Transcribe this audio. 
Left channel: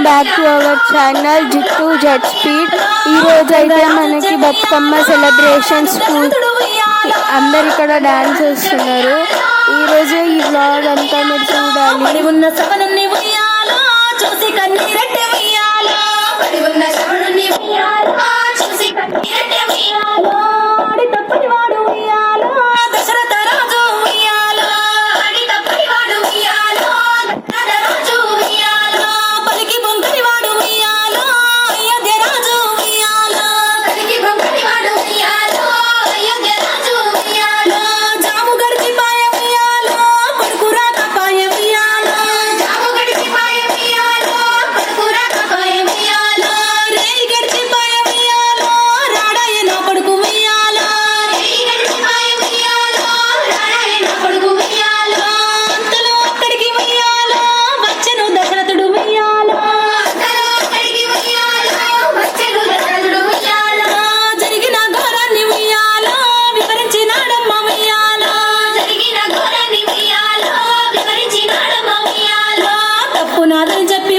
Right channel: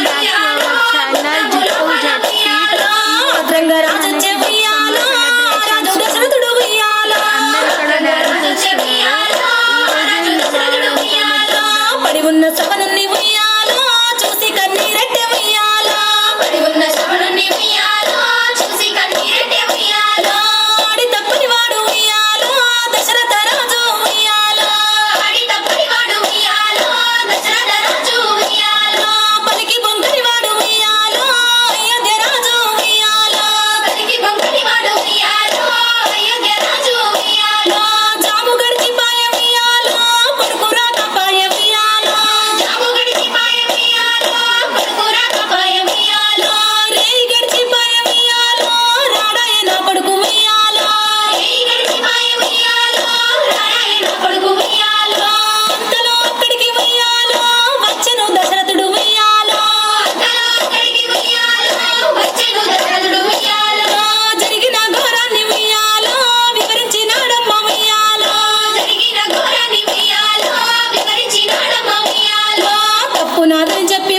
Welcome back to our channel Jittu jet speed. ఈ రోజు అయితే మనకి బతుకమ్మ సెలబ్రేషన్స్ అందరు ఇక్కడ డాన్స్ చేస్తున్నారు. ఈ రోజు ఈ బ్లాగ్ అంతా మీరు చూడాలి. ఉన్న సవనుని ఉయ్యాలా చూసి కన్నీరెట్టే ఉయ్యాలా ఉన్న సవనుని ఉయ్యాలా చూసి కన్నీరెట్టే ఉయ్యాలా ఆడి తప్పని వాడు ఉయ్యాలా దశరథ రాజు ఉయ్యాలా ఆడి తప్పని వాడు ఉయ్యాలా దశరథ రాజు ఉయ్యాలా పలికి బొంకని వాడు ఉయ్యాలా అయోధ్య రాజు ఉయ్యాలా పలికి బొంకని వాడు ఉయ్యాలా అయోధ్య రాజు ఉయ్యాలా జాము గడిచి పాయ ఉయ్యాలా కొడుకు రాక పాయ ఉయ్యాలా జాము గడిచి పాయ ఉయ్యాలా కొడుకు రాక పాయ ఉయ్యాలా రేయి గడిచి పాయ ఉయ్యాలా రాడాయ నా కొడుకు ఉయ్యాలా రేయి గడిచి పాయ ఉయ్యాలా రాడాయ నా కొడుకు ఉయ్యాలా అంతలో అక్కడికి ఉయ్యాలా వచ్చెను దశరథుడు ఉయ్యాలా అంతలో అక్కడికి ఉయ్యాలా వచ్చెను దశరథుడు ఉయ్యాలా జరిగిన ఘోరాన్ని ఉయ్యాలా వివరించినాడమ్మ ఉయ్యాలా జరిగిన ఘోరాన్ని ఉయ్యాలా వివరించినాడమ్మ ఉయ్యాలా తప్పు నాదని చెప్పి